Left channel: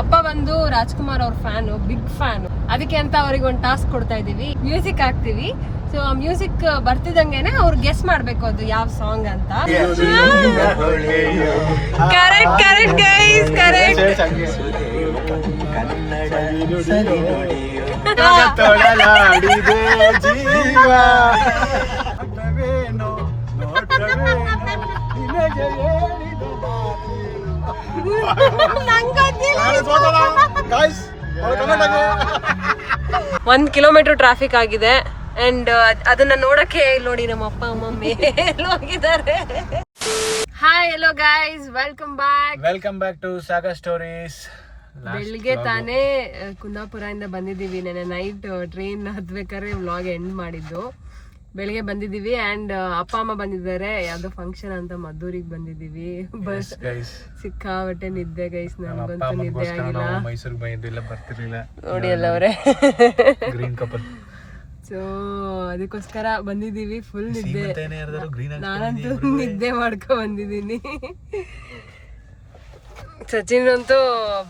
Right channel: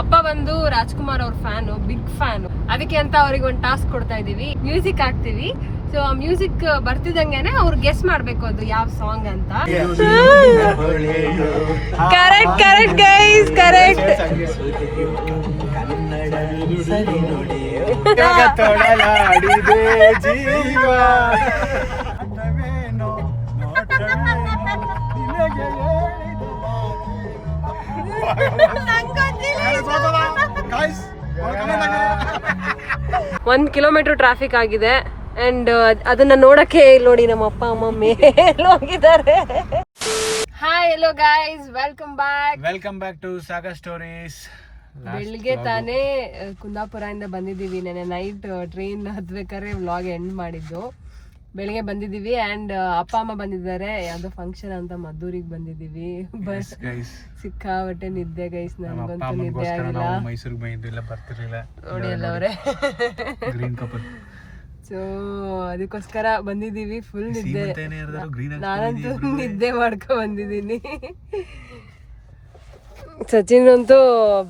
ಅಪ್ಪ ಬಂದು ರಾಜ್ಕುಮಾರ್ ಅವ್ರ ಫ್ಯಾನು, ಬಿಗ್ ಫ್ಯಾನ್. ಅದಕ್ಕೆ ಅಂತ ಅವ್ರಿಗೆ ಒಂದು ಟಾಸ್ಕ್ ಕೊಡ್ತಾ ಇದೀವಿ, ಮ್ಯೂಸಿಕ್ ಹಾಕ್ತಿವಿ. ಸೊ ಆ ಮ್ಯೂಸಿಕ್ ಬರ್ತಿದಂಗೆನೆ ಅವ್ರು ಗೆಸ್ ಮಾಡ್ಬೇಕು ಅದು ಯಾವ ಸಾಂಗ್ ಅಂತ. Correct correct guys, correct. ಒಂದ್ ಕಿಲೋಮೀಟರ್ ಟ್ರಾಫಿಕ್ ಆಗಿದೆ ಅಂಡ್ ಅದನ್ನ ನೋಡಕ್ಕೆ ನೋಡಿ ನಮ್ಮ ಅಪ್ಪ ಅಮ್ಮ ಮೇಲೆ ಹೋಗಿದ್ದಾರೆ. Hi hello guys, welcome back to Sagar stories. ಬೆಳಿಗ್ಗೆ ತಾನೇ ಕುಂದಾಪುರದಿಂದ ಬಂದಿದ್ದೀವಿ. ನೆನ್ನೆ ನೈಟ್ ಟ್ರೈನ್ ಹತ್ಬೇಕಾದ್ರೆ ವ್ಲಾಗ್ ಎಂಡ್ ಮಾಡಿದ್ದು. ಬೆಳಿಗ್ಗೆ ಬಂದಿದ್ದೀವಿ ಅಂಡ್ ಅಪ್ಪ ಅಮ್ಮ ಬಂದಿದ್ದಾರೆ, ಯಾವ್ದೋ ಫಂಕ್ಷನ್ ಅಂತ ಮದ್ದೂರಿಗೆ ಬಂದಿದ್ದೀವಿ. ಬಸ್ ಸಿಕ್ಕಾಬಟ್ಟೆ ನಿದ್ದೆ ಗೈಸ್, ನನಗಂತೂ ನಿದ್ದೆ ಆಗಿಲ್ಲ. ಮೈಸೂರಿಗೆ ಬಂದಿದ್ದಿಲ್ಲ, ಬರ್ತಿರ್ಲಿಲ್ಲ ನೋಡಿ ಅಲ್ಲ ಅವರೇ. Green couple. ಸೊ ಅದಕ್ಕೋಸ್ಕರ ಬಂದಿದ್ದೀವಿ. ಫುಲ್ ನಿದ್ದೆ, ನಾನಂತೂ ನಿದ್ದೆ ಮಾಡ್ಕೊ ಬಂದಿದ್ದೀನಿ. ಸಚಿನ್ ಅಂತೂ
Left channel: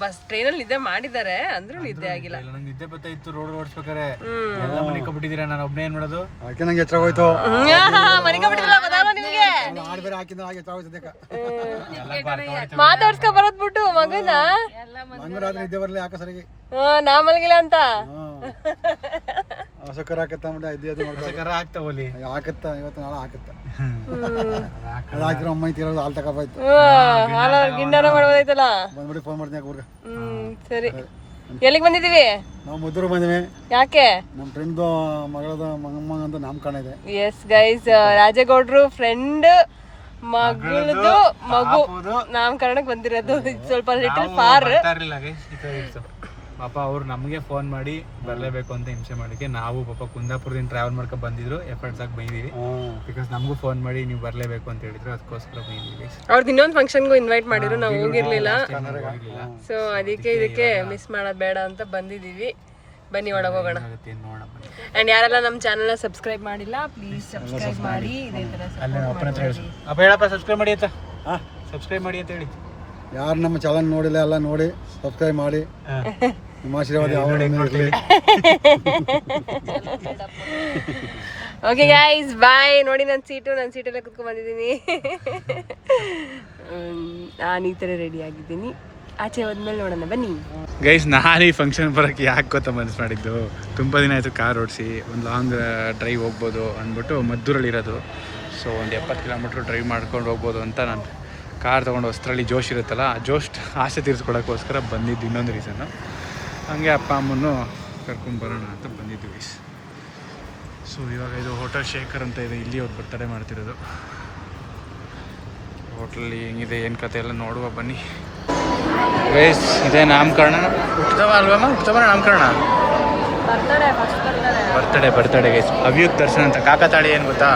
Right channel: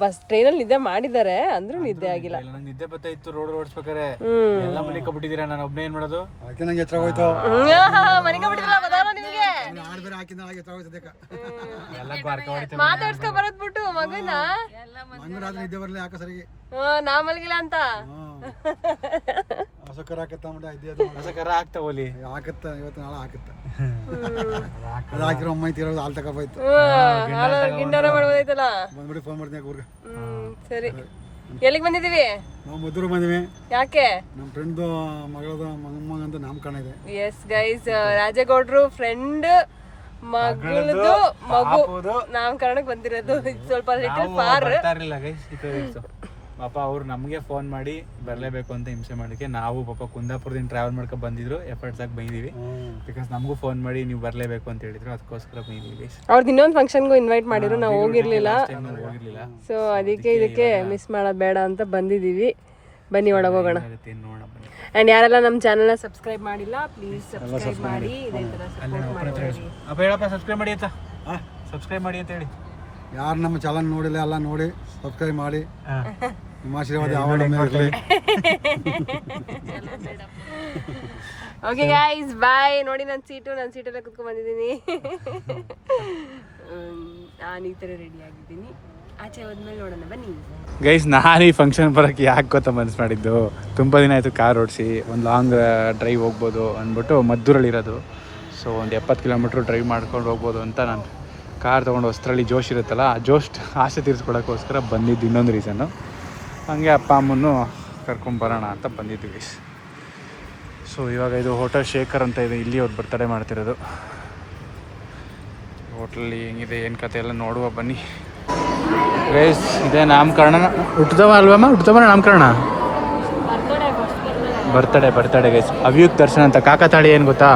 ಬಸ್ ಟ್ರೈನಲ್ಲಿ ನಿದ್ದೆ ಮಾಡಿದ್ದಾರೆ, ಅಂದ್ರೂ ನಿದ್ದೆ ಆಗಿಲ್ಲ. ನಿದ್ದೆ ಬರ್ತಾ ಇತ್ತು ರೋಡ್ ಓಡಿಸ್ಬೇಕಾರೆ. ಎಲ್ಲ ಮನೆ ಕಬಿಟ್ಟಿದ್ದೀರಾ, ನಾನು ಒಬ್ಬನೇ ಏನ್ ಮಾಡೋದು? ನಂಗೆ ಎಚ್ಚರ ಹೋಯ್ತು. ಮನೆ ಕಬಿಟ್ಟಿಲ್ಲ ಗೊತ್ತಾಗಲ್ಲ ನಿಮಗೆ? ಮಾತಾಡ್ಸ್ಕೊ ಬರೋದ್ ಬಿಟ್ಟು ಮಗನ ರಾತ್ರಿ ನಿದ್ದೆ ಬರ್ಲಿ ಯಾಕೆ ಸರಿಗೆ ನಾ ಮಲಗಿಲ್ಲ ಅಂತ ಸಕ್ಕರ ಹಾಕತ್ತ ಆಗ್ತಾ ಹೋಲಿ ಹಾಕತ್ತ, ಇವತ್ತು ನಾಳೆ ಹಾಕತ್ತ. ಅದು ಹಾಕಿರೋ ಅಮ್ಮ ತೀರೋದು ಹಾಲು ತಗೋಪಾಯ್ತು. ಹಾಲು ಗಿಂಡಾರ ಮಾಡ್ಬೋದೈತಲ್ಲ. ಬಂದ್ಬಿಟ್ಟು ಫೋನ್ ಮಾಡ್ತೀನಿ ಊರ್ಗೆ. ಸರಿ, ಎಲ್ಲಿಗೆ ಬಂದಿದೀವಿ? ನಾವು ಮದ್ದೂರು ಬಂದಿವಿ. ಯಾಕೆ? ನಮ್ಮ ಫ್ರೆಂಡ್ ಮಗಳದ ಮಂಗಮ್ಮ ಅಂತ ನಾಮಕರಣ ಇದೆ. ಎಸ್ ಗೈಸ್, ರಾಜೇಗೌಡ್ರು ಫ್ರೆಂಡ್ ಮಗಳದು ಮಗು ನಾಮಕರಣಕ್ಕೆ ಬಂದಿರೋದು. ಸ್ವಲ್ಪ ಲಿಟಲ್ ಫಾರ್. ಪಾಪ ಅವ್ರು ನಮಗೆ ಫೋನ್ ಮಾಡಿ ಬರಲೇಬೇಕು ಅಂತ ಹಿಂಸೆ ಮಾಡಿಕೆ ನಾವು ಪಾಪ ಕುಂದಾಪುರದಿಂದ ಟ್ರಾವೆಲ್ ಮಾಡ್ಕೊಂಡು ಬಂದಿದ್ರು, ಎಫರ್ಟ್ಸ್ ಆಗಿ ಬಂದಿದ್ದೀವಿ. ಬಿಕಾಸ್ ನಮಗೂ ಫೋನ್ ಮಾಡಿ ನೀವು ಬರಲೇಬೇಕು ಅಂತ ಹೇಳಿದ್ರು, ಅದಕ್ಕೋಸ್ಕರ ಬಂದಿದ್ದೀವಿ. ಅವ್ರದ್ದು ಇನ್ನೊಂದು ಫಂಕ್ಷನ್ಗೂ ಇನ್ವೈಟ್ ಮಾಡಿದ್ರು, ನಾವು ಹೋಗಿರ್ಲಿಲ್ಲ. ಸೊ ಅದಕ್ಕೆ ಇದಕ್ಕೆ ಮಿಸ್ ಮಾಡೋದು ಬೇಡ ಅಂತ ಬಂದಿದ್ದೀವಿ. ಬನ್ನಿ ಒಳಗೆ ಹೋಗೋಣ. ಅಂಡ್ ಯಾರೆಲ್ಲ ನಮ್ಮ ಚಾನಲ್ನ ಸಬ್ಸ್ಕ್ರೈಬ್ ಮಾಡಿಲ್ಲ, ಪ್ಲೀಸ್ ಸಬ್ಸ್ಕ್ರೈಬ್ ಮಾಡಿ. ಇದೇ ಥರ ಸಬ್ಸ್ಕ್ರೈಬ್ ಮಾಡಿ ಅಂತ ಸಬ್ಸ್ಕ್ರೈಬ್ ಮಾಡಿ ಅಂತ ಹೇಳಿ. ಯಾರು ನಮ್ಮ ಚಾನಲ್ ನೋಡಿಲ್ಲ ಎಲ್ಲ ನೋಡಿ ಸಬ್ಸ್ಕ್ರೈಬ್ ಮಾಡಿ. ನಿಮ್ಮ ಆಶೀರ್ವಾದ ಯಾವಾಗ ಇರಲಿ. ಓಕೆ ಗೈಸ್, ಬಾಯ್. ನೋಡಿ ನನ್ನ ಸೀಟಲ್ಲೇ ಕುತ್ಕೊಂಡು ಬಂದಿದ್ದೀನಿ. ನಾನು ಈ ಥರ ರೆಡಿ ಆಗಿದ್ದೀನಿ. ಆಚೆ ಹೋದ್ಮೇಲೆ ನೋಡೋಣ ಬನ್ನಿ ಗೈಸ್. ನಾನು ಈ ಫಂಕ್ಷನ್ ಬರೋಕ್ಕೆ ಯಾಕೆ ಗೊತ್ತಾ ಮನಸ್ಸು ಮಾಡಿದ್ದು, ತುಂಬ ದಿನ ಆಯಿತು ಕಾರ್ ಓಡಿಸಿ, ಒಂದು ಲಾಂಗ್ ಡ್ರೈವ್ ಹೋಗ್ಬೋದು ಅಂದ್ಬಿಟ್ಟು ಮದ್ದೂರಲ್ಲಿರೋದು. ಸೊ ಒಂದು 70 ಕಿಲೋಮೀಟ್ರ್ ಡ್ರೈವ್ ಮಾಡ್ಕೊಂಡು ಹೋಗ್ಬೋದು ಅಂತ ನಾನು ಕಾರ್ ತೊಗೊಂಡು ಹೊಸರಲ್ಲಿ ಜೋಶ್ ಇರುತ್ತಲ್ಲ, ಆ ಜೋಶ್ ಆಸೆ ತೀರಿಸ್ಕೊಳಕ್ಕೋಸ್ಕರ ಬಂದಿದ್ದು. ಇನ್ನೊಂದು ರೀಸನ್ನು ಹಾಗೆ ಅಪ್ಪ ಅಮ್ಮನ್ನು ಕರ್ಕೊಂಬರೋಣ ಅಂತ ಬಂದಿದ್ವಿ. ಸೊ ಇವಾಗ ಇದು ಹೋಟೆಲ್ ಶೇಖರ್ ಅಂತ ಇದೆ, ಇಲ್ಲಿ ಅವ್ರು ಬರ್ತಡೇ ಮಾಡ್ತಿರೋದು. ಹೋಟ್ಲಲ್ಲಿ ಹೆಂಗಿದೆ ಏನು ಕತೆ ಎಲ್ಲ ನೋಡುವ ಬನ್ನಿ ಗೈಸ್. ಇದೇ ನಾಮಕರಣ ಹುಟ್ಟಿದವ ಅಲ್ವಮ್ಮ? ಹುಟ್ಟಿದವ ನಾಮಕರಣ ಬರ್ತಡೇ ಗೈಸ್. ಅವ್ಯುಕ್ತ ದರ್ಶನ್ ಅಂತ. ಕಾಕತಾಳಿ ಏನು ಗೊತ್ತಾ?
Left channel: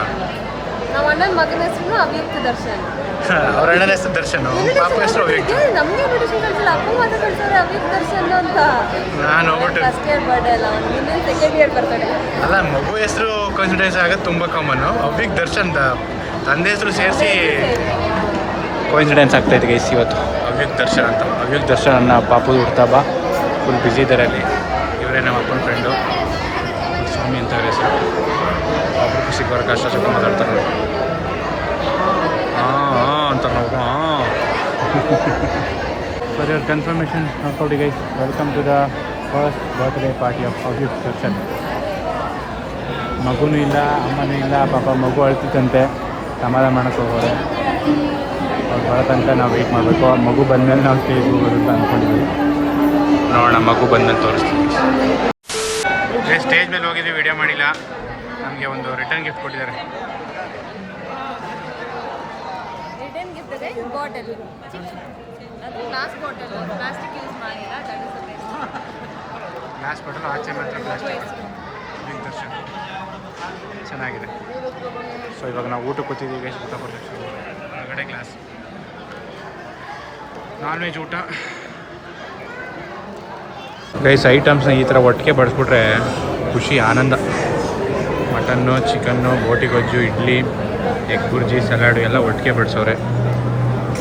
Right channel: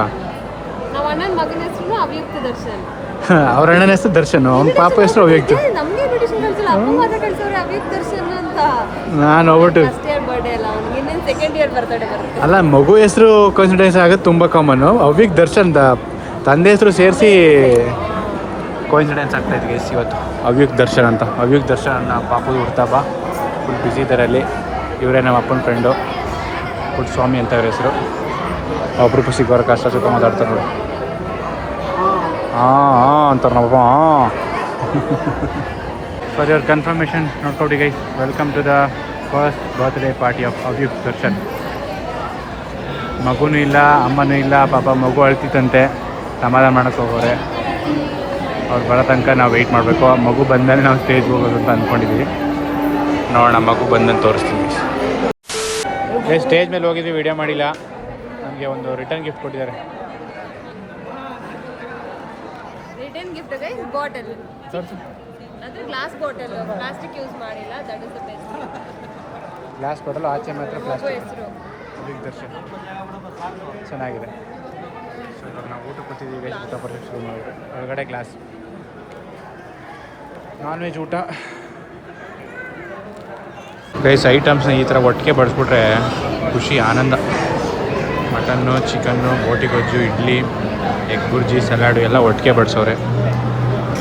ನಮ್ಮ ಅಣ್ಣನ ಮಗನ ಹೆಸರು ಅವ್ಯುಕ್ತ ದರ್ಶನ್. ಅವ್ರ ಅಣ್ಣನ ಹೆಸರು ದರ್ಶನ್, ಅವ್ನ ಪಾಪ ಹೆಸರು ಅವ್ಯುಕ್ತ. ನಮಗೆ ಇನ್ವಿಟೇಷನ್ ಕಳಿಸಿಲ್ಲ, ಅಪ್ಪ ಮಾತ್ರ ಕಳಿಸೋರೆ ಅವ್ಯುಕ್ತ ದರ್ಶನ್ ಅಂತ. ನಾನು ಹೋಗ್ಬಿಟ್ಟು ಫಸ್ಟ್ ಇಯರ್ ಬರ್ಡೇ ಅಲ್ಲ, ಅವ್ನಿಗೆ ಇನ್ನೇನು ಸೆಕೆಂಡ್ ಇಯರ್ ಬರ್ತಡೇ ಅಲ್ಲ. ಮಗು ಹೆಸರು ಕಾನ್ಸಿಡೆನ್ಸ್ ಆಗೋದು ತುಂಬ ಕಾಮನ್ನು. ಅವ್ಯುಕ್ತ ದರ್ಶನ್ ತಂದೆ ಹೆಸರು ಸೇರಿಸಿ ಕೋಇನ್ಸಿಡೆನ್ಸ್ ಆಗ್ತಾಯಿದೆ ಗೈಸ್ ಇವತ್ತು. ಅವ್ಯುಕ್ತ ದರ್ಶನ್ ಅಂತ. ಅವ್ಯುಕ್ತ ದರ್ಶನ್ ನನ್ನ ಪಾಪದು ಹುಡ್ತಾ ಬಾ, ಫುಲ್ ಬ್ಯುಸಿ ಇದ್ದಾರೆ ಅಲ್ಲಿ. ಇವರೇ ನಮ್ಮ ಅಪ್ಪನ ಫ್ರೆಂಡು, ಪುಟ್ ಸ್ವಾಮಿ ಅಂತ ಅವ್ರ ಹೆಸರು. ಒಬ್ರು ಸಿಗೋರ ಕಷ್ಟ ಸುಖ ಮಾತಾಡ್ತಾರೆ ನೋಡಿ. ಹಾಂ ಅಂತಾರೆ ನಮ್ಮಪ್ಪ. ಫಾರ್ ಯುವರ್ ಕನ್ಫರ್ಮೇಷನ್ ನೋಡ್ಕೊಡಿ guys, welcome to the first birthday party of Avyukta Darshan. ಮಗುನೂ ಇಲ್ಲ, ಅಮ್ಮನೂ ಇಲ್ಲ, ಪಾಪ ಮಗು ಅಳ್ತಿತ್ತಂತೆ, ಸಮಾಧಾನ ಮಾಡೋಕ್ಕೆ ಹೋಗೋರೆ. ಅವ್ರು ಬರೋ ತನಕ ನಾವು ವೆಯ್ಟ್ ಮಾಡಬೇಕು. ಮಗು ಬಂದಮೇಲೆ ನಾವು ಸ್ಟೇಜ್ಗೆ ಹೋಗೋದು ಅಂತ ಅಂದ್ಕೊಂಡಿದ್ದೀವಿ. ನೋಡೋಣ, ಮಗು ಬಂದಮೇಲೆ ತೋರಿಸ್ತೀವಿ. ಸ್ಟೇಜ್ ಮೇಲೆ ಹೋಗಿದ್ದೀವಿ, ವಿಡಿಯೋ ಮಾಡಿಲ್ಲ. ನಮಗೆ ಒಂದು ರಿಟರ್ನ್ ಗಿಫ್ಟ್ ಕೊಟ್ಟಿದ್ದಾರೆ. ರಿಟರ್ನ್ ಗಿಫ್ಟ್ ಇದೆ ಬಾಟಲ್, ಅದು ಗ್ಲಾಸ್ ಬಾಟಲ್, ಪ್ಲಾಸ್ಟಿಕ್ ಯೂಸ್ ಮಾಡಿಲ್ಲ. That is the best. Glass bottle, ಆಚೆ ಮಾತ್ರ ಪ್ಲಾಸ್ಟಿಕ್. ಅವ್ಯುಕ್ತ ದರ್ಶನ್ ಚೆನ್ನಾಗಿದೆ. ಸೊ ಇವಾಗ ನಾವು ಊಟಕ್ಕೆ ಕೂತಿದ್ದೀವಿ ಗೈಸ್. ಊಟ ಬರ್ತದೆ ಶುರು ಮಾಡಿದ್ರೆ ಹೊರಗಡೆ ಗ್ಲಾಸ್ ನಾನ್ ವೆಜ್ ಊಟ ಗೈಸ್. ಐಟಮ್ಸ್ನ ಈ ಥರ ಒಟ್ಟಿಗೆ ಬಡಿಸ್ಬಿಟ್ರೆ ಖುಷಿ, ಆನಂದ. ಮಟನ್ನು, ಚಿಕನ್ನು, ಬೋಟಿ ಗೊಜ್ಜು, ಇಡ್ಲಿ, ಎಗ್ ಬುರ್ಜಿ, ಸಲಾಡು ಎಲ್ಲ ಒಟ್ಟಿಗೆ ಬಡಿಸೋರೆ.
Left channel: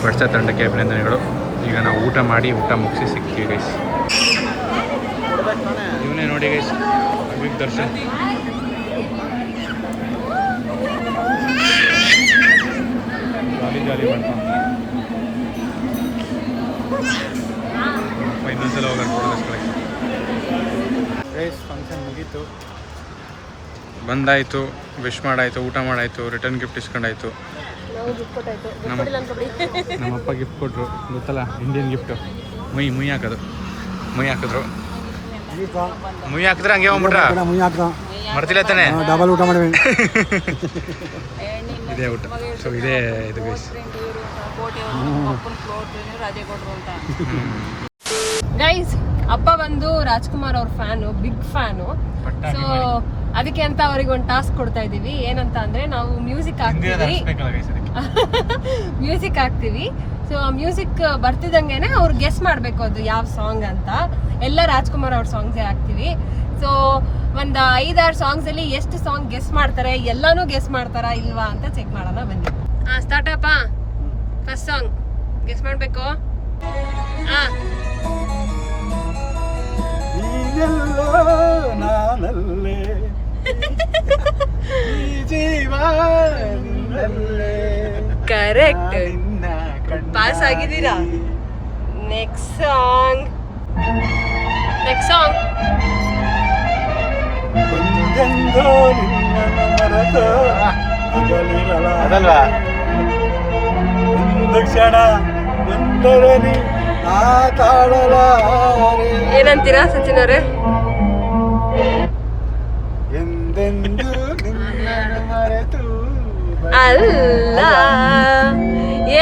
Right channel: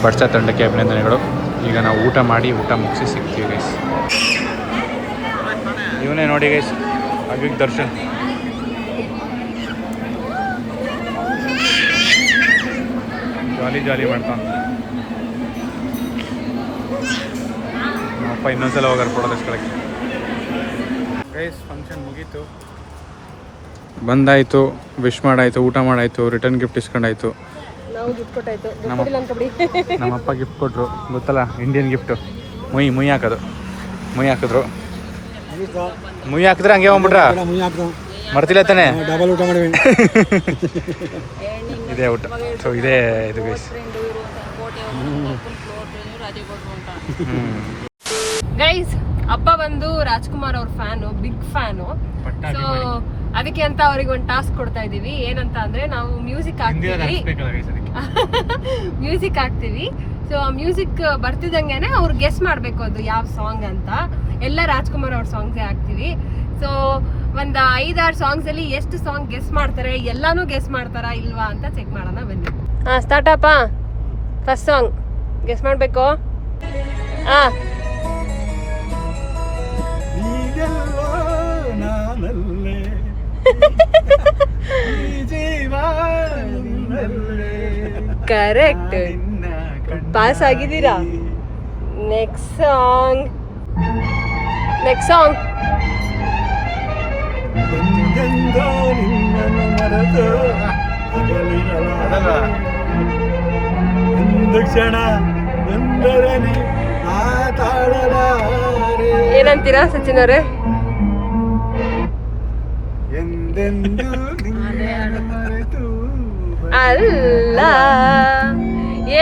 ಬಡಿಸೋ ತಂಡಕ್ಕೆ ಅಭಿನಂದನೆಗಳು. ಈಗ ನಾವು ಊಟ ಮುಗಿಸಿ ಸಿಗ್ತೀವಿ ಗೈಸ್. ಇವನೇ ನೋಡಿ ಗೈಸ್, ಅಗ್ರಿಕ್ ದರ್ಶನ್. ಜಾಲಿ ಮಾಡ್ತಾ ಅಪ್ಪ ಇನ್ನೊಂದ್ಸಲ ಹೋಗಾರ ಕೊಡೋದಕ್ಕೆ. ಗೈಸ್ ಫಂಕ್ಷನ್ ಮುಗೀತು, ಬಂದಾಯಿತು, ವಿಶ್ ಮಾಡಾಯಿತು, ಊಟ ಮಾಡಾಯಿತು, ರಿಟರ್ನ್ ಗಿಫ್ಟ್ ಇಸ್ಕೊಂಡಾಯಿತು. ನಮ್ಮಪ್ಪ ಗಿಫ್ಟ್ ಕೊಟ್ಟರು, ಗೊತ್ತಲ್ಲ ಇಂಡಿಯನ್ ಗಿಫ್ಟು, ಮುಯ್ ಹಾಕಿದ್ರು. ಮುಯ್ ಹಾಕಿದ್ರೆ ಹಂಗೆ ಹೋಗ್ಬಿಟ್ರ, ಮರ್ತಿಲ್ಲ ತಾನೆ? ಡಬಲ್ ಊಟ ಮಾಡಿವಿ. ಇದೇ ಊಟ. ಸೊ ಇದೇ ಇದು ಗೈಸ್. ಗೈಸ್ ಅಪ್ಪ ಬಂದು ರಾಜ್ಕುಮಾರ್ ಅವ್ರ ಫ್ಯಾನು, ಬಿಗ್ ಫ್ಯಾನು. ಸೊ ಅದಕ್ಕೆ ಅಂತ ಅವ್ರಿಗೆ ಒಂದು ಟಾಸ್ಕ್ ಕೊಡ್ತಾ ಇದೀವಿ. ಏನಂತ ಅಂದ್ರೆ ನಾವು ಮ್ಯೂಸಿಕ್ ಹಾಕ್ತೀವಿ. ಸೊ ಮ್ಯೂಸಿಕ್ ಬರ್ತಿದಂಗೆನೆ ಅವ್ರು ಗೆಸ್ ಮಾಡ್ಬೇಕು ಅದು ಯಾವ ಸಾಂಗ್ ಅಂತ. ಎಲ್ಲ ರಾಜ್ಕುಮಾರ್ ಅವ್ರ ಸಾಂಗ್ಸ್ ಹಾಕ್ತಿವಿ. ಸೊ ಒಂದ್ 5-6 ಸಾಂಗ್ಸ್ ಅಲ್ಲಿ ಎಷ್ಟು ಸಾಂಗ್ ಗೆಸ್ ಮಾಡ್ತಾರೆ, ಎಲ್ಲಾನು ಗೆಸ್ ಮಾಡ್ತಾರಾ ಇಲ್ವಾ ಅಂತ ಚೆಕ್ ಮಾಡೋಣ ಬನ್ನಿ. ಸ್ಟಾರ್ಟ್ ಅಪ್ಪ. ಫಸ್ಟ್ ಸಾಂಗ್ ಗೆಸ್ ಮಾಡ್ಬೇಕು. ಕರೆಕ್ಟ್, ಪಾಸ್ ಆಗಿದ್ದೀರಾ. ನೆಕ್ಸ್ಟ್ ಸಾಂಗ್ ಏನಂತೀರಾ ಸಚಿನ್ ಅವರೇ? ಅಲ್ಲ,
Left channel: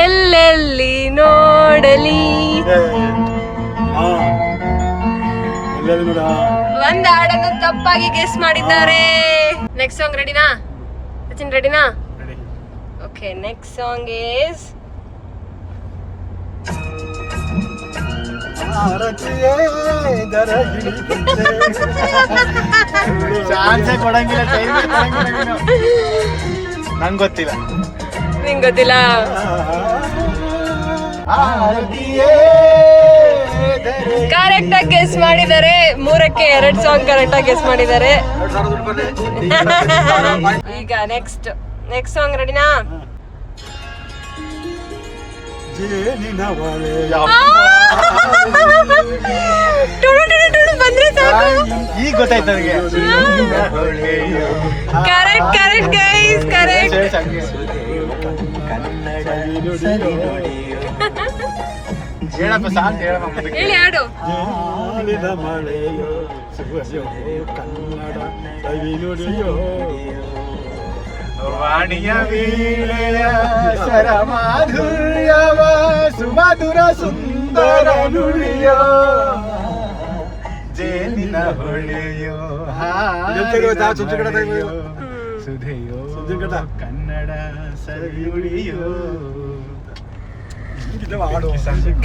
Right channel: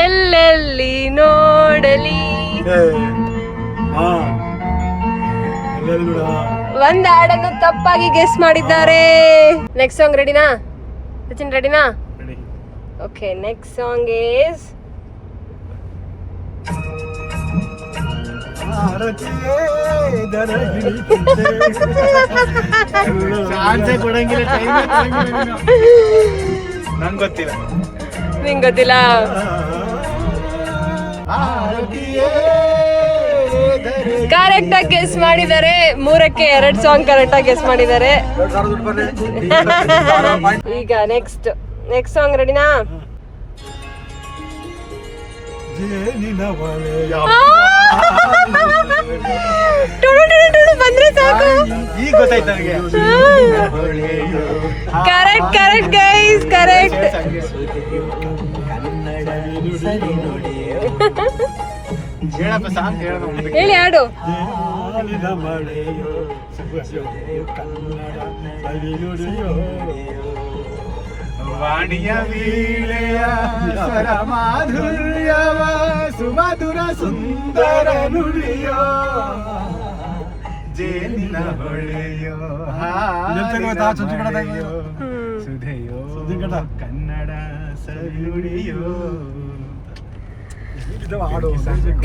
ಎಲ್ಲೆಲ್ಲಿ ನೋಡಲಿ. ಒಂದ್ ಹಾಡನ್ನು ತಪ್ಪಾಗಿ ಗೆಸ್ ಮಾಡಿದ್ದಾರೆ. ನೆಕ್ಸ್ಟ್ ಸಾಂಗ್ ರೆಡಿನಾ ಸಚಿನ್? ರೆಡಿನಾ? ಓಕೆ, ನೆಕ್ಸ್ಟ್ ಸಾಂಗ್ ಈಸ್ ನಿಂಗೆ ಗೊತ್ತಿಲ್ಲ. ಕರೆಕ್ಟ್ ಆಗಿ ಗೆಸ್ ಮಾಡಿದ್ದಾರೆ. 3ಕ್ಕೆ 2 ಸಾಂಗ್ ಕರೆಕ್ಟ್ ಆಗಿ ಗೆಸ್ ಮಾಡಿದ್ದಾರೆ. ಈಗ ನೆಕ್ಸ್ಟ್ ಸಾಂಗ್ ರೆಡಿನಾ? ಬಂದ್ರೆ ಸಾಕು. Correct guys, correct. ಹೇಳಿ ಹಾಡು. ಸುಮಧುರ ಸುಂದರ ನುಡಿಯೋ, ಜೇನಿನ ಹೊಳೆಯೋ, ಸುಧೆಯೋ, ಕನ್ನಡ ಸವಿಯುಳಿಯೋ.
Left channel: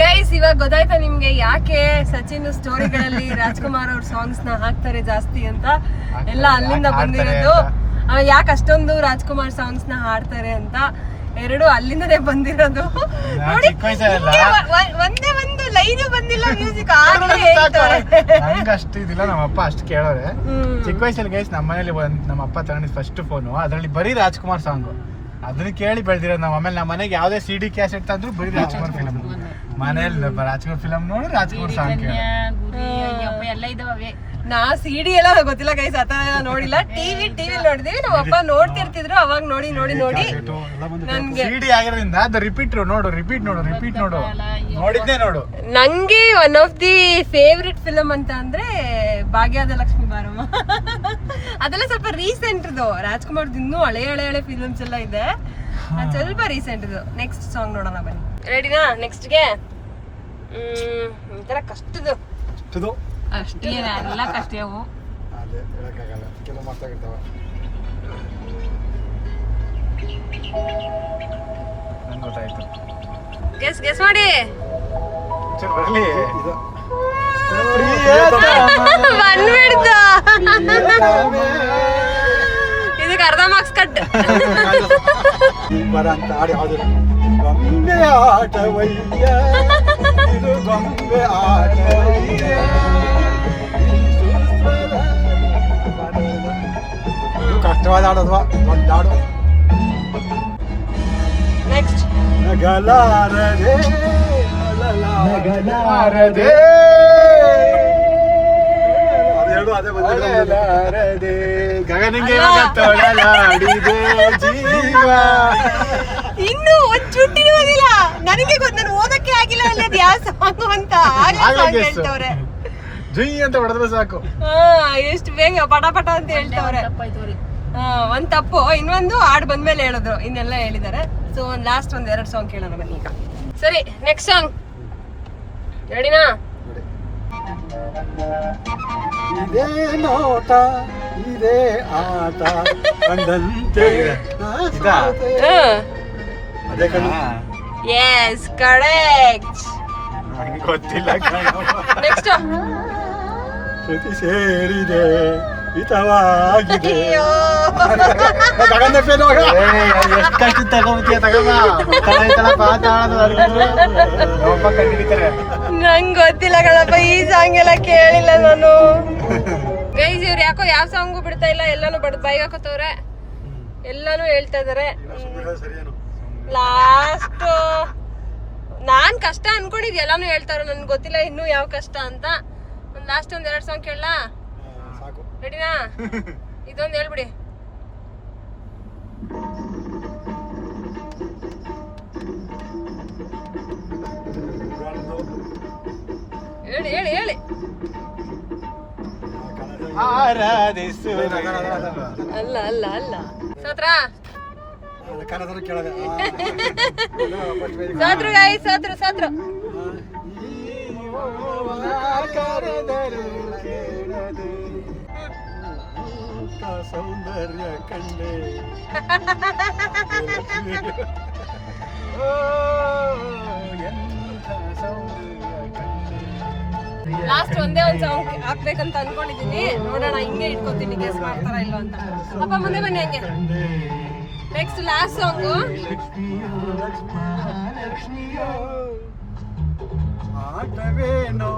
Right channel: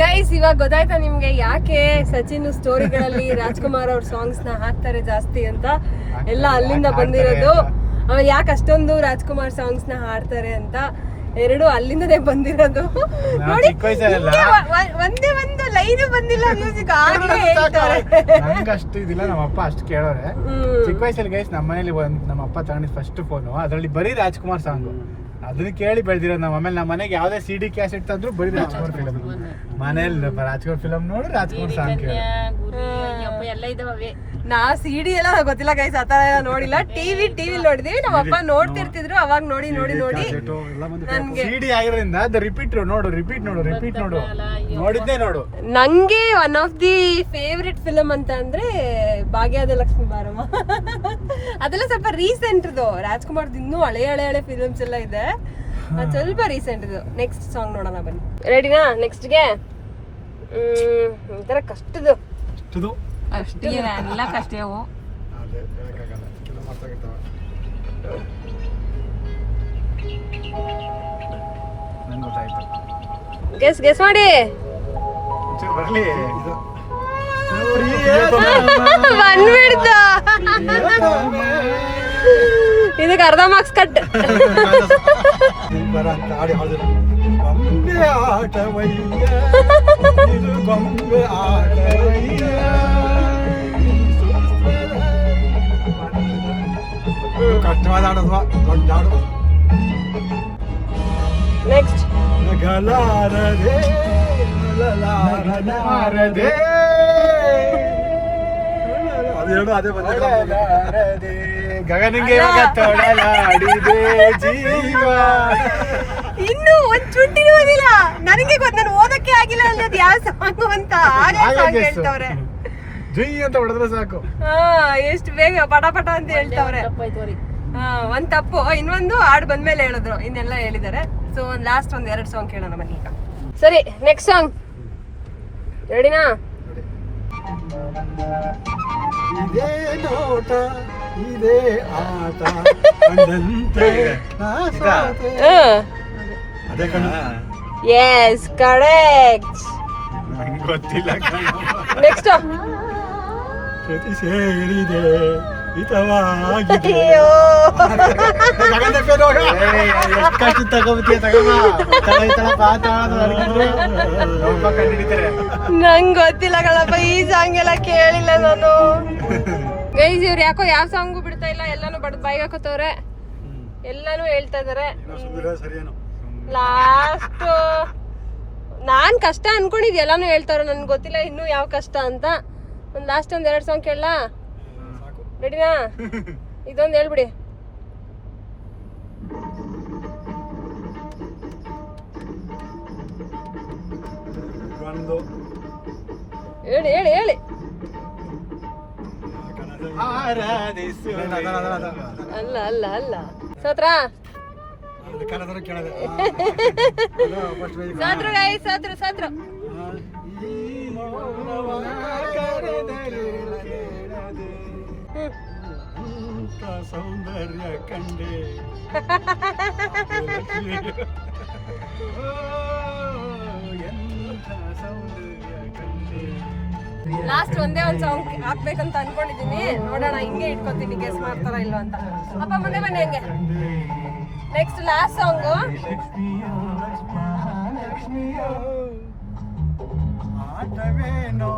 ಗೈಸ್ ಇವಾಗ ಗೊತ್ತಾಯ್ತಾ ನಿಮ್ಗೆ ಯಾಕೆ ಸಚಿನ್ ಸ್ಟೋರಿಗಳಲ್ಲಿ ರಾಜ್ಕುಮಾರ್ ಅವ್ರ ಸಾಂಗ್ಸ್ ನ ಹಾಕ್ತಾರೆ ಜಾಸ್ತಿ ಅಂತ? ಎಲ್ಲ ಅಲ್ಲಿಂದ ಬಂದಿರೋದು. ಯಾಕೆ ಅಷ್ಟೊಂದು ರಾಜ್ಕುಮಾರ್ ಸಾಂಗ್ಸ್ ನ ಹಾಡ್ತಾರೆ ಅಂತ, ಎರಡು ಅಲ್ಲಿಂದನೇ ಬಂದಿರೋದು. ನೋಡಿ, ಒಂದೇ ಒಂದು ಲೈನ್ ಬಂದಿಲ್ಲ ಮ್ಯೂಸಿಕ್ ಆಗ್ಲೇ ಹೇಳ್ತಾರೆ. ನಂಗೆ ಅಷ್ಟು ಇದಿಲ್ಲ, ನಮ್ಮಪ್ಪ ಅಷ್ಟು ಕೇಳೋರೆ. ಚಿಕ್ಕ ವಯಸ್ಸಲ್ಲಿ ಗೈಸ್ ನಮ್ಮ ಮನೇಲಿ ನಮ್ಮಪ್ಪ ತಗೊಂಡಿದ್ ಫಸ್ಟ್ ಫೋನು, ಅದರಲ್ಲಿ ಬರೀ ರಾಜ್ಕುಮಾರ್ ಸಾಂಗು. ಅದನ್ನ ಕೇಳಿ ಬೆಳೆದಿರೋದು ನಾವು. ಆಮೇಲೆ ನಮ್ಮ ಮನೆಗೆ ಯಾವುದೇ CD ಕ್ಯಾಸೆಟ್ ತಂದ್ರು ಬರೀ ರಾಜ್ಕುಮಾರ್ ಫಿಲಮ್. ಮನೇಲಿ ರಾಜ್ಕುಮಾರ್ ಫಿಲಮ್ ನೋಡಿ ರಾಜ್ಕುಮಾರ್ ಸಾಂಗ್ ಕೇಳಿ ಎಲ್ಲ ಇದಾವೆ. ನಾ CD ಎಲ್ಲ ಗೊತ್ತಿಲ್ಲ ಗೈಸ್, ಆತರ ಎಲ್ಲ ನೋಡಿಲ್ಲ. ಟಿವಿ ನೋಡಿದ್ವಿ, ನಮ್ಮ ಅಪ್ಪ ನೋಡ್ತಿರ್ತಿದ್ರು. ಅವಾಗ ನೋಡಿ ನನ್ಗೆ CD ಆಗಿರೋದ್ರಿಂದ ಅದು ರಿಪೀಟ್ ನೋಡು ನೋಡಿದ್ದೆ ನೋಡು. ನಂಗೆ one of the favourite film ಅಂತ ಅಂದ್ರೆ ಭಾಗ್ಯದ ಲಕ್ಷ್ಮಿ ಬಾರಮ್ಮ. ಅದೆಲ್ಲ ಸ್ವಲ್ಪ ರೀಸೆಂಟ್ ಇದು. ರಾಜ್ಕುಮಾರ್ ಇನ್ನೂ ಹಳೆ ಫಿಲಮ್ಸ್ ಎಲ್ಲ ಇದೆ, ಸ್ವಲ್ಪ ರೀಸೆಂಟ್ ಇದು. ನೆಕ್ಸ್ಟ್ ಸಾಂಗ್ ನೋಡೋಣ ಬನ್ನಿ. ರೆಡಿನಾ? ನೆಕ್ಸ್ಟ್ಗೆ ಒಂಥರ ಕಷ್ಟದು. ಗೆಸ್ ಮಾಡಿ. ಬಂದ್ಬಿಡ್ತ. ಇದಕ್ಕೆ ಅರ್ಧ ಮಾರ್ಕ್ಸ್ ಕಟ್. ಗೊಂಬೆ ಆಟವಯ್ಯ ಇದು ಗೊಂಬೆ ಆಟವಯ್ಯ ಕಷ್ಟವಾದ ಹಾಡೋದ್ವಾ ದೊಡ್ಡ ಹಾಡು. ನೆಕ್ಸ್ಟ್ ನಗಲಾರದೆ ನಗಲಾರದೆ ಅದೆರಡು ಅದೇ ಬಂದಿದೆ. ಗಗನಿಗೆ ತೊಳಲಾಡಿದೆ ಜೀವ. ಇನ್ನು ಒಂದ್ ಚುಂಟಿನೂ ಓದಿಲ್ಲ ನನಗೆ ಗೊತ್ತ, ನಾನು ಓದಕ್ಕೆ ಆಗಿಲ್ಲ ಅಲ್ಲದ ಯಾವ ಸಾಂಗ್ ಅಂತ ಹೇಳ್ತವ್ರೆ. ಜುಯ್ ಅಂತ ಹೊಡೆದ್ರೆ ಸಾಕು. ಎಷ್ಟು ಬೇಗ ಪಟ ಪಟ ಅಂತ ಹೇಳ್ತವ್ರೆ. ಒಂದ್ ತಪ್ಪು, ಇನ್ನೊಂದು ಹಾಡ್ ಬಂದ್ಮೇಲೆ ಹೇಳಿದ್ರು, ಇನ್ನೆಲ್ಲ ಹೇಳಿದಾರೆ. ಸೊ ಒಂದ್ ಲಾಸ್ಟ್ ಒಂದ್ 2 ಸಾಂಗ್ ಕೇಳೋಣ ಬನ್ನಿ ಈಗ. ಸರಿ, ನೆಕ್ಸ್ಟ್ ಸಾಂಗ್ ರೆಡಿನಾ? ಇದೇ ನೋಟ ಇದೇ ಆಟ ಕಂಡಂತೆ ಅದೇ ಕಣ. Yes, correct. ಗೊತ್ತಿಲ್ಲ. ನೆಕ್ಸ್ಟ್ ಶ್ರುತಿ ಸೇರಿದೆ ಹಿತವಾಗಿದೆ. ನಂಗ್ ಗೊತ್ತಿಲ್ಲ ಕಣಪ್ಪ, ಈ ಸಾಂಗ್ ಎಲ್ಲ ಕೇಳಿಲ್ಲ ನಾನು. ಗೈಸ್, ಇವ್ರು ಯಾಕೋ ಯಾವ ಸಾಂಗು ಬಿಡ್ತಾ ಇಲ್ಲ, ಎಲ್ಲಾನು ಬಡ್ದು ಬಾಯಿಗೆ ಹಾಕೋತವ್ರೆ, ಎಲ್ಲಾನು ಹೇಳ್ತಾ ಇದಾರೆ. ಲಾಸ್ಟ್ ನಾನ್ ಕಷ್ಟ ಅನ್ಕೊಂಡಿದ್ ಎಲ್ಲಾನು ಹೇಳ್ತಾರ, ನನ್ಗೆ ಗೊತ್ತಿಲ್ಲ ಇನ್ನು ಯಾವ ಕಷ್ಟ ಅಂತ. ಒಂದ್ ಲಾಸ್ಟ್ ಒಂದ್ 2 ಸಾಂಗ್ ಕೇಳಲಾ? ರೆಡಿನಾ? ಇದೊಂದು ಹೇಳ್ಬಿಡಿ. ಹೇಳಿ ಹೇಳಿ ಹೇಳಿ. ಅಲ್ಲ ಅಲ್ಲ ಅಲ್ಲ, ಸೋತ್ರ ಸೋತ್ರು ಗಾಯಿ, ಸೋತ್ರು ಸೋತ್ರು. ಸೌಂದರ್ಯ ಕಂಡೆ ಲಾಸ್ಟ್ ಒಂದೇ ಒಂದ್ ಸಾಂಗ್ ಹಾಕ್ಬೇಕಂತ ಅನ್ಕೊಂಡಿದೀನಿ, ನೋಡೋಣ ಹಿಂಗೆ ಇಟ್ಕೊತೀನಿ, ಗೆಸ್ ಮಾಡ್ತಾರ ಇಲ್ಲ ಅಂತ. ಅಪ್ಪ ಮುಂದೆ ಬನ್ನಿ ಹಂಗೆ. Next last song. ಆಟವೇನೋ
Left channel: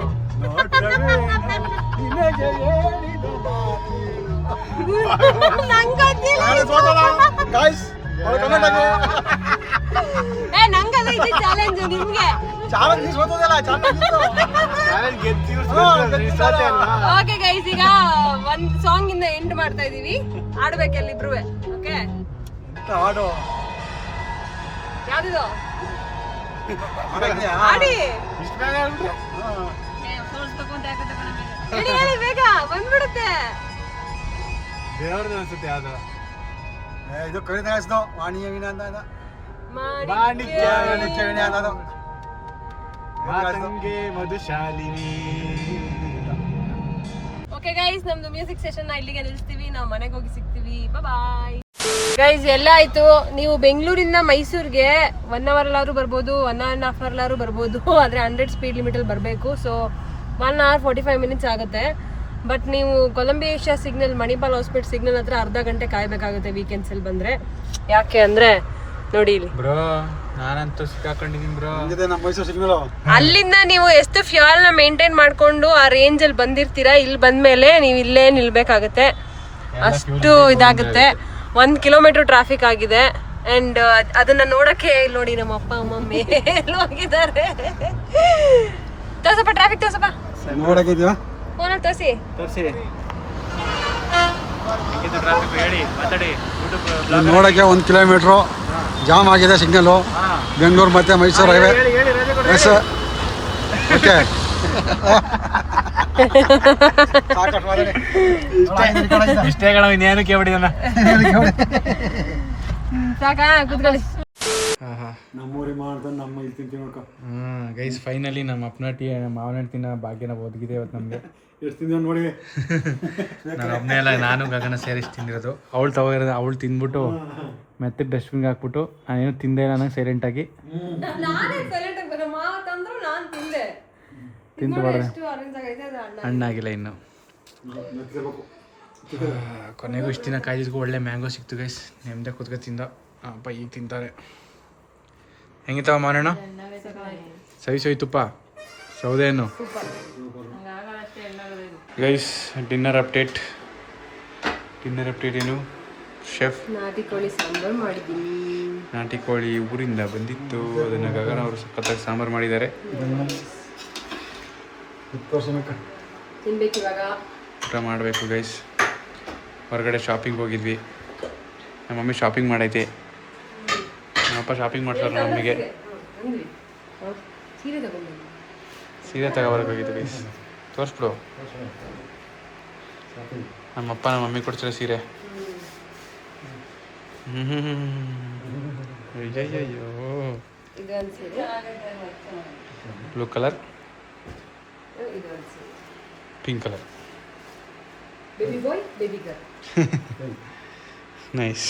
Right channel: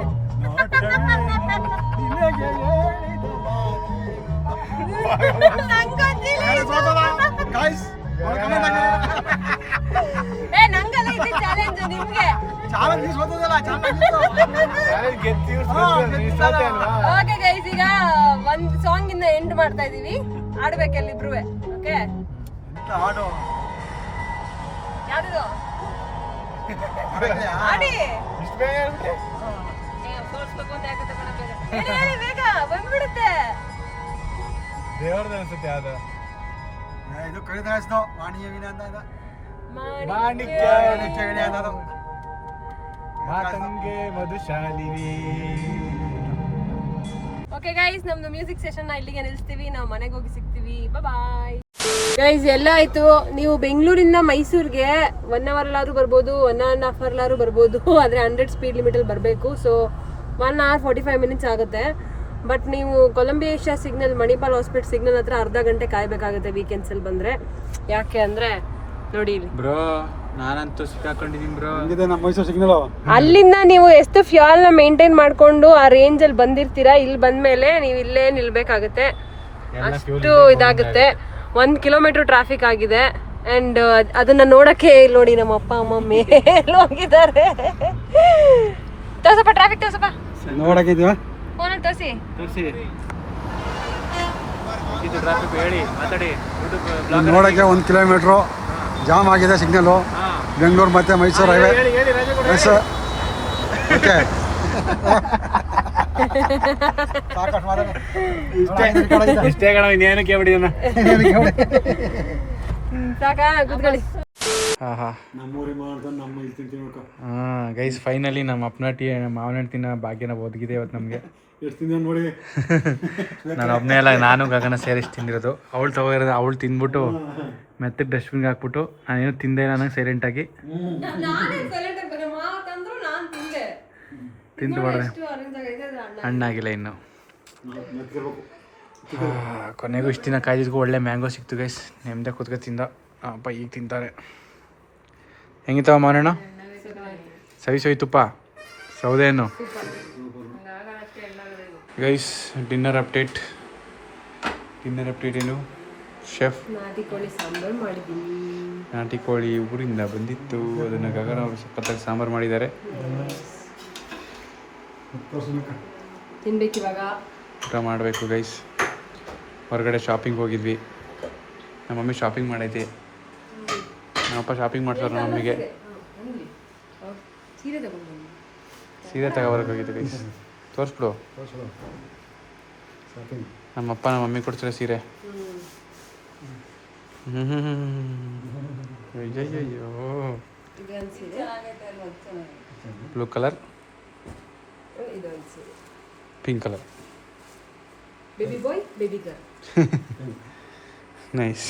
ನಂಗಲ್ಲ, ಇದು ಚಾಲೆಂಜ್ ನಿಮ್ಗೆ. ಓಕೆ ಗೈಸ್, ಈಗ ಒಂದ್ ಸಾಂಗ್ ಇಂದ ಎಂಡ್ ಮಾಡ್ತಾ ಇದೀವಿ. ಆಡ್ಬೇಕಲ್ಲ ಇಬ್ರು. ಓಕೆ, ಯಾವ್ದು ಆಡಿ? ಬೇಗ ಬಂದ್ಬಿಡುತ್ತೆ. ಇದು ಕವಿತಾ ವಾಣಿಯ ವೀಣ ಅಂತ ಮಧುಶಾಲಿನಿ. ಓಕೆ ಗೈಸ್, ನಮ್ದು ಮ್ಯೂಸಿಕ್ ಸೆಷನ್ ಇಲ್ಲಿಗೆ ನಿಲ್ಲಿಸ್ತೀವಿ. ನಾವು ಮನೆಗೆ ಹೋಗಿ ಸಿಗ್ತೀವಿ. Bye guys. ಎಲ್ಲ ಆಯ್ತು. ನೀವು ಬೆಂಗಳೂರಿಂದ ಮೈಸೂರಿಗೆ 1 ಅವರ್ ಬರ್ಬೋದು, 1.5 hour ಬರ್ಬೋದು. ಆದ್ರೆ 100 ಸ್ಪೀಡ್ ಲಿಮಿಟ್ ಅಲ್ಲಿ ಬರಬೇಕು. ಸೊ 1 hour 45 minutes ಆಗುತ್ತೆ. ಬಟ್ ನೀವು Columbia Asia signal, Manipal hospital signal ಹತ್ರ ಅರ್ಧ ಗಂಟೆ ಕಾಯ್ಬೇಕಾಗುತ್ತೆ ವೀಕೆಂಡ್ಸ್ ಅಲ್ಲಿ ಬಂದ್ರೆ. ಯಾಕೆ ಅಂದ್ರೆ ನೋಡಿ ಇಲ್ಲಿ ಬ್ರೋ, ನಾನಂತೂ ಸಿಕ್ಕಾಕೊಂಡಿದ್ದೀನಿ ಬ್ರೋ. ನಮ್ಮ ಮೈಸೂರು ಸಿಗ್ನಲ್. ಅಲ್ಲಿಂದ ನೀವು ಎಷ್ಟು ಫ್ಯೂಯಲ್ ನ ಮೇಂಟೈನ್ ಮಾಡ್ಕೊಂಡು ಆ ರೇಂಜ್ ಅಲ್ಲಿ ಬಂದಿರ್ತೀರಾ, ಇಲ್ಲಿ ಬಂದ್ಮೇಲೆ ನೀವು ಇಲ್ಲೇ ನಿಲ್ಬೇಕಾಗತ್ತೆ. ಅಷ್ಟು ಇದಾಗುತ್ತೆ. 1 kilometer ಟ್ರಾಫಿಕ್ ಆಗಿದೆ. ಅಂಡ್ ಅದನ್ನ ನೋಡಕ್ಕೆ ನೋಡಿ ನಮ್ಮ ಅಪ್ಪ ಅಮ್ಮ ಮೇಲೆ ಹೋಗಿದ್ದಾರೆ. ತೋರ್ಸಪ್ಪ ಟ್ರಾಫಿಕ್, ತೋರ್ಸಪ್ಪ. ನೋಡಕ್ಕಿದ್ವಾ ಫೋನಲ್ಲಿ ತೋರಿಸಿ. ನೋಡಕ್ಕೆ 1 kilometer ಜಾಮ್ ಆಗಿದೆ ಸಿಗ್ನಲ್. ಬೆಂಗಳೂರು ಮತ್ತೆ ಮೈಸೂರು ಹೈವೇ. S, okay. ಇಷ್ಟೇ ಕಣ, ಇನ್ನೇನು ಕೇಳ್ಬಿಟ್ಟಿದ್ದಾನ. ಸಾಕಾ, ಕೂತ್ಕೊಳ್ಳಿ. ನಮ್ಮೂರಿ ಮಾಡ್ತಾನೆ, ನಮ್ಮ ಇಲ್ಲಿ ತಿಂತೀವಿ ನೋಡ್ಕೊ. ಗೈಸ್, ಫೈನಲಿ ನಮ್ಮ ಅಪ್ಪನ ನಮ್ಮ ಮಾವನ ತಿನ್ನೋ ಭಾಗ್ಯನ ಒದಗಿದೆ ಇವತ್ತು ನಮಗೆ. ಎಷ್ಟು ತಿಂದ ನೋಡಿ. ನಾನು ಒಬ್ಬನೇ ಅಲ್ಲ, ನಾನು ಗಗನ ಸೇರಿಸಿ ತಿಂದಿರೋದು. ಅವಳು ತಗೋರೋದು, ಅವಳು ತಿಂದ್ಬಿಟ್ಟು ಮೆತ್ತಗೆ ಡಸ್ಟ್ಬಿನ್ಗೆ ಹಾಕ್ಬಿಟ್ಟು ನಾನೇನು ತಿಂದೆ ಇಲ್ಲ ನಂಗೆ ಸೈಲೆಂಟಾಗಿ ತಿಂದು ಮಾಡಿದೆ. ಹಣ್ಣಾಗಿಲ್ಲ ಇನ್ನು. ಕೊನೆಗೂ ಇಷ್ಟು ದಿನ ಕಾಯ್ದಿದ್ಗೂ ಒಳ್ಳೆ ಮ್ಯಾಂಗೋ ಸಿಕ್ತು ಗೈಸ್. ನೆಮ್ಮದಿ ಕೂತ್ಕೊ ತಿಂದ. ಅಪ್ಪ ಈಗ ತಿಂತಾರೆ. ಹೆಂಗಿತ್ತವ ಮಾರಣ್ಣ? ಸವಿ ತುಪ್ಪ ಸೌದೆ ಹಣ್ಣು. ಗೈಸ್ ಡಿನ್ನರ್ ಅಪ್ಡೇಟ್ ಏನು? ಶೆಫ್ ನಾಟಿ ಕೋಳಿ ಸಾಂಬಾರು ಮಾಡಿದ್ದೀನಿ. ನಾಟಿ ಕೋಳಿ ಊರಿಂದ ಬಂದಿತ್ತು, ಅದನ್ನು ಗಗನ ಅವರು ಸಖತ್ತಾಗಿ ಸಾಂಬಾರು ಮಾಡಿದ್ದಾರೆ. ತಿನ್ಬೇಕಿವಾಗ. ಊಟ ಮಾಡಬೇಕು ಗೈಸ್. ಹೊರಗಡೆ ಶಾಪಿಂಗ್ ಹೋಗಿದ್ವಿ, ನಮ್ಮ ಮಮ್ಮಿ ಶಾಪಿಂಗ್ ಮಾಡೈತಿ. ನಮ್ಮಪ್ಪ ಶಾಪಿಂಗ್ ಮಾಡ್ತಾರೆ ನಮ್ಮ ಮಮ್ಮಿಗೆ. ಸೀರೆ ತಗೋಬರಕ್ಕೆ ಹೋಗಿದ್ದೆ ಗೈಸ್. ತೋರಿಸ್ಬಿಡು. ನಮ್ಮಪ್ಪ ನಮ್ಮ ಮಮ್ಮಿ ಕೊಡ್ತಾರೆ ಸೀರೆ. ಅಯ್ಯಯ್ಯೋ, blue colour, pink colour. Baby boy, baby girl. Nice.